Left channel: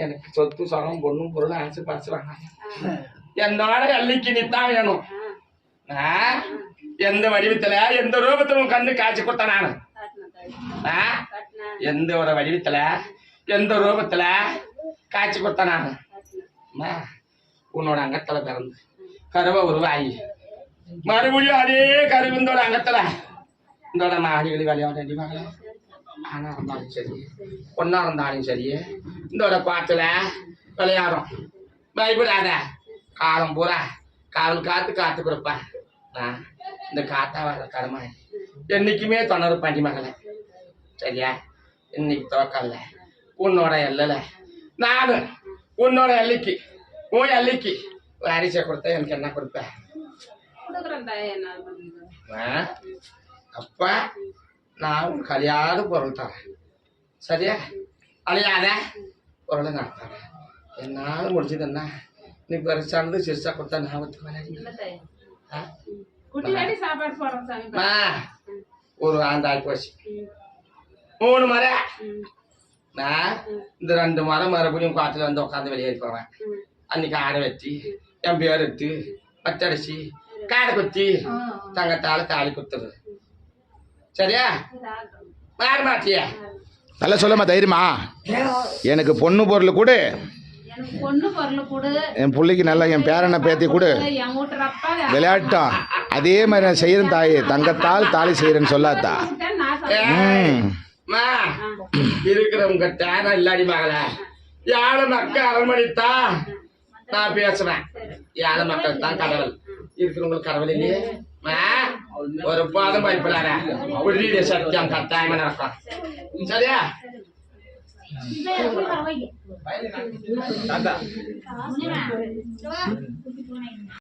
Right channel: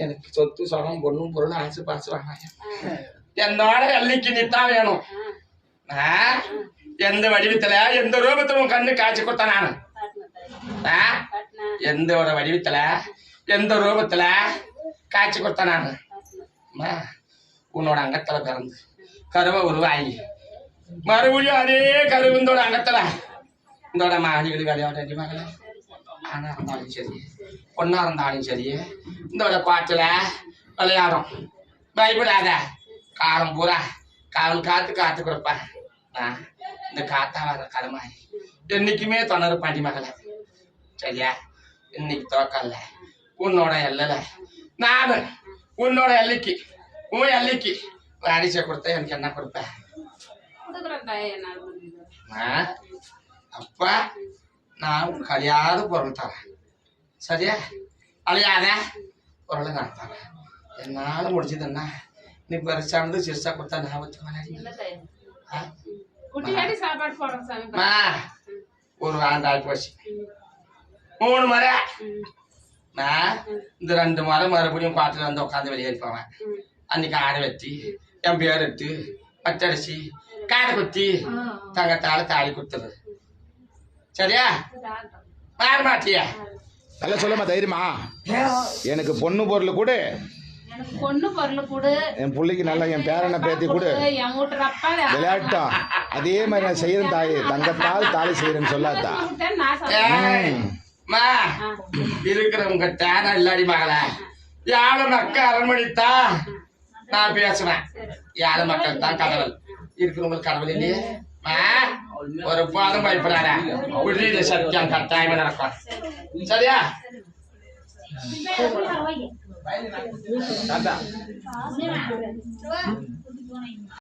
எனக்கு சொத்து சொகம் பொண்ணும் பொருளும் ஆசை பாசுறாங்க என்னோட அள்ளிக்கு நித்தான் வேணும் எந்த வடிவத்துல எந்த ரூபத்துல உன் கண்ணு காய்ச்சி கொடுத்த நானு எந்த ஒரு வடிவத்துல எந்த ரூபத்துல காய்ச்சி கொடுத்த நானு உன்னோட அங்கத்துல கறந்து கருவை உருவாகி மறுபடியும் அதே கருவுந்தோட அங்கத்துல இந்தோட மகளிகள் விளையாட மகள ஆனா இருந்தாலும் சரி பொண்ணா இருந்தாலும் சரி இந்தோட பாட்டுல விளையாடும் பயப்படாத காலம் பூரா காவல் காத்து காத்து கொடுப்பேன் இந்த காத்தா வர கடமாய் என்னைக்குமே தொணறு பாண்டி மகள சரியா இன்னைக்கு தோக்கல்ல உன்னோட எல்லல நானு உன்னோட எல்லைக்கு உன் எல்லைக்கு அரிசியை கொடுத்த எனக்கு என்ன கொடுப்பேன் அப்ப நான் கழியாத பொருள் தரேன் சரியா அழியாத பொருளை நான் தரேன் என்னால முடிஞ்சதுன்னா நீ பெருசானது சிறுசா கொடுத்தா நான் ஒரு ஆண்டாய் போச்சு 3 முறை இந்த 2 முறை மறுபடியும் பாட்டில் வந்து உட்காந்து வெளியேறி போவேன் அன்னைக்கு ஆடை வெட்டி என் பேர் எடுத்து பச்சரிசி காடை குத்தி தங்கத்தால தாலி கொடுத்துரு சரியா மாற மாட்டியா நல்லா சொல்லமா தைரியமா எனக்கு பொண்ணு பொருள் கொடு என் பிள்ளைக்கு நல்லா என் பேரனை பேத்தி கொடு விளையாட்டம் அதே மாதிரி நான் செய்யறேன் தாயே தங்கத்தால் தாலி செய்யறேன்னு சொல்லாத்தா இருக்கிறவங்க தேன இல்லாடி மகள யாழ மக்கள் அரண்மனைத்தா நான் பேசுவேன் யாழ மக்கள் தான் கடவுள் இருக்கிறவங்களுக்கு கடவுள் இல்லையே ஒரு பாதம் பயப்படாத உறுதி சத்தியம் கட்டாயமா நடக்கும் சரியா